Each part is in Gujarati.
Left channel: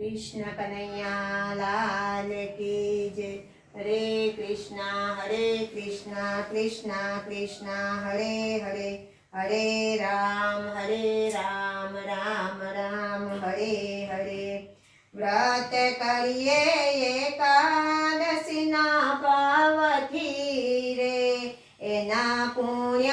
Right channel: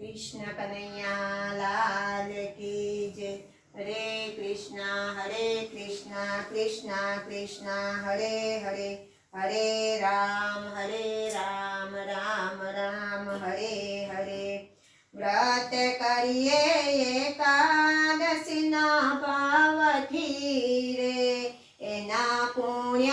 કૃષ્ણ કનૈયા લાલ કી જય. હરે કૃષ્ણ હરે કૃષ્ણ કૃષ્ણ કૃષ્ણ, હરે હરે. હરે રામ હરે રામ રામ રામ, હરે હરે. વ્રત કરીએ એકાદશીના પાવથી રે. એના પુણ્ય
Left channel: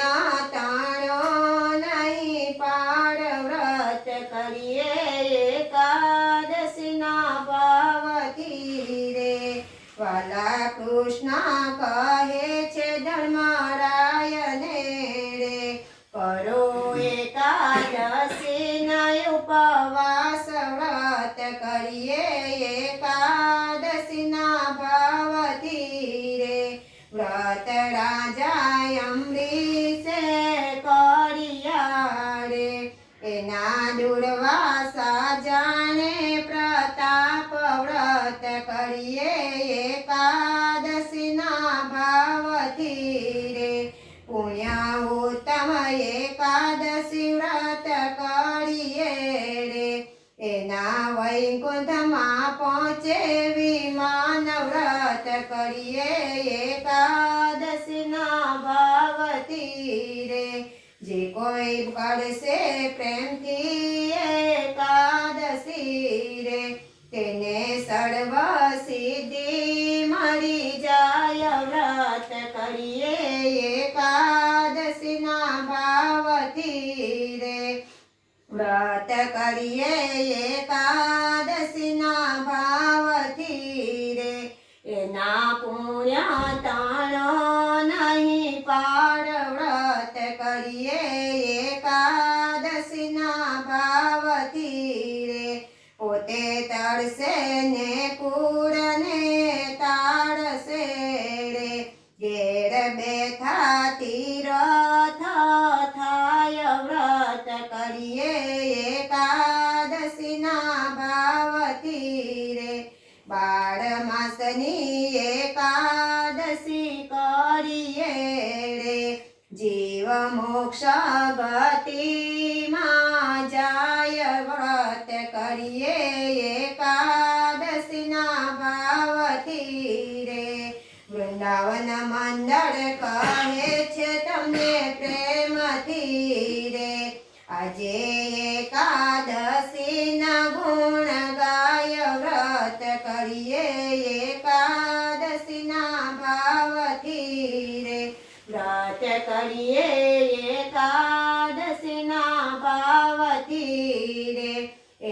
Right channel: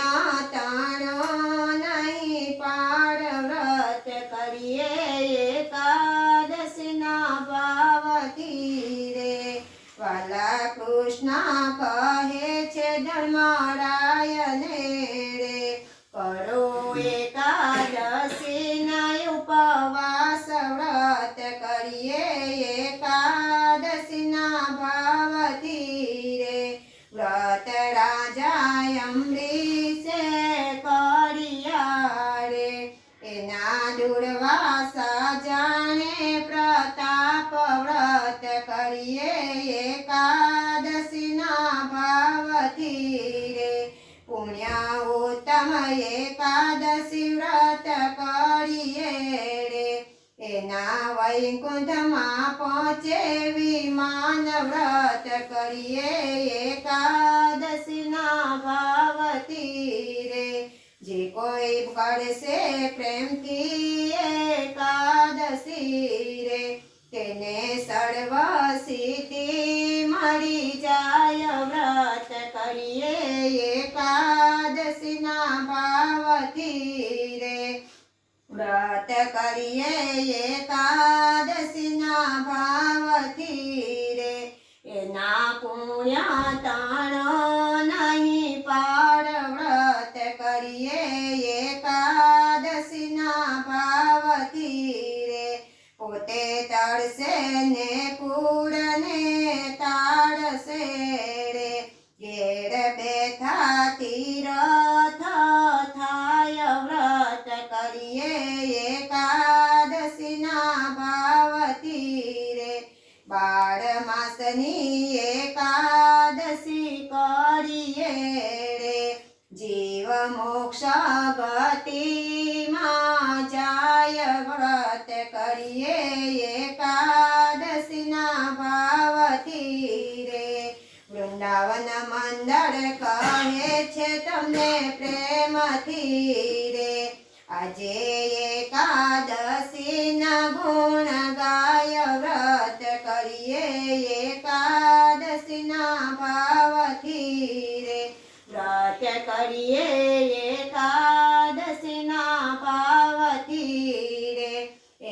કૃષ્ણ કહે છે ધર્મરાયને રે, કરો એકાદશી ઉપવાસ વ્રત કરીએ, એકાદશીના ભાવથી રે. વ્રત રાજા અમરીશે કર્યા રે, એના દુર્વાસા જાણે પ્રતાપ વ્રત કરીએ ઉત્તમ એકાદશી વ્રત કરીએ રે. એના વૈકુંઠમાં પહોંચે વિમાન વ્રત કરીએ. એકાદશીના ભાવતી રે. જે કોઈ કરશે પ્રેમથી એકાદશી રે. તેને સર્વ સિદ્ધિ મળી જાય વ્રત કરીએ. ભાવથી રે વ્રત કરીએ એકાદશીના ભાવથી રે એના પુણ્ય તાણો નહીં પાડ વ્રત કરીએ એકાદશીના ભાવથી રે પોતે તળશે ને કરીએ જીવ મોક્ષ ગતિમાં જાય વ્રત કરીએ એકાદશીના ભાવથી રે. વૃંદાવન મંડળ કહે છે તમને પ્રેમથી રે. આજે કરીએ એકાદશીના પાવતી રે.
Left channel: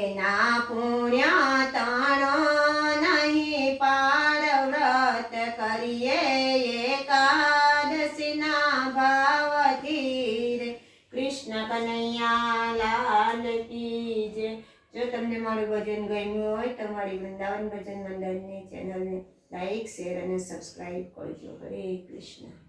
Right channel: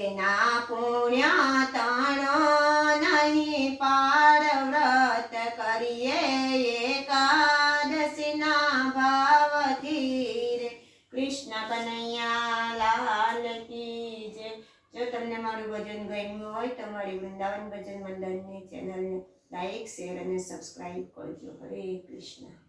એના પુણ્ય તાણો નહીં પાર વ્રત કરીએ એકાદશીના ભાવથી રે. કૃષ્ણ કનૈયા લાલ કી જો તમને મારું ભજન ગમ્યું હોય તો મારી વૃંદાવન ભજન મંડળની ચેનલને લાઈક, શેર અને સબસ્ક્રાઈબ કરજો. હરે કૃષ્ણ.